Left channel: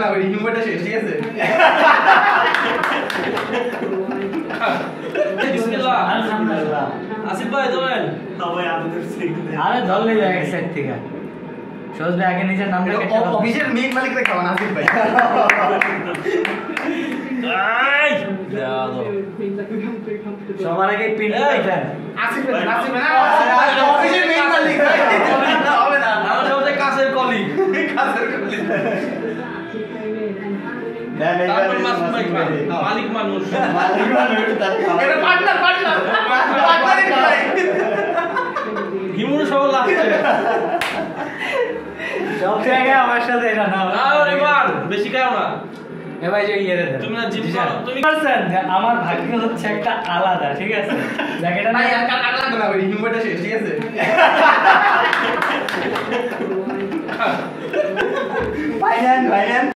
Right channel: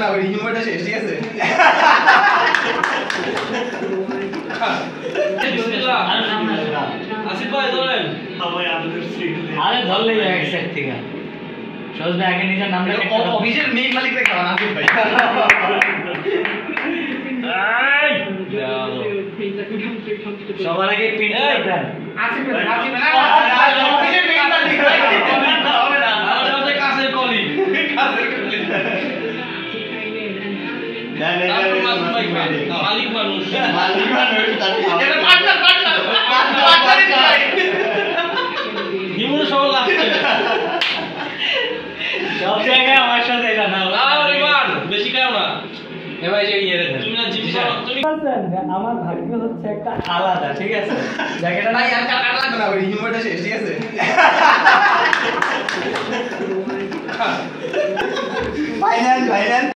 না ওই হিমটা শেষ ঠিক আছে বিসমিল্লাহ আসিফ ভাই ধরেন সবাই আমাদের সিট আরে ধরলে এক সাইড থেকে সহজ ভাই আগে নিজের নামটা কেটে দাও অফিসের মেক মালিককে খাওয়ান আসিফ ভাই এই দাও সবার আগে পিন দেন আসিফ ভাই না অফিসের মেক মালিক না হবে না সবচেয়ে কাছের কলিগ কাছের কলিগ তারপর মাসুম ভাই খান মালিক মানুষ এটা পার্টনার হিমুর সব লাস্টে সব জায়গায় আমার সাথে এটা না আরে মান বেশি খাও না এ ভাই যে ইয়ে রে তুমি না জিম করো তুমি পারছেন যে আমার ভাগ্য হচ্ছে একটা আলাদা ঠিক আছে জায়গাটা ভাই আর কাটা লাগবে না ওই হিমটা শেষ ঠিক আছে ভাইজান